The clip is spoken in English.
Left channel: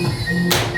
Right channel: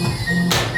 Thank you.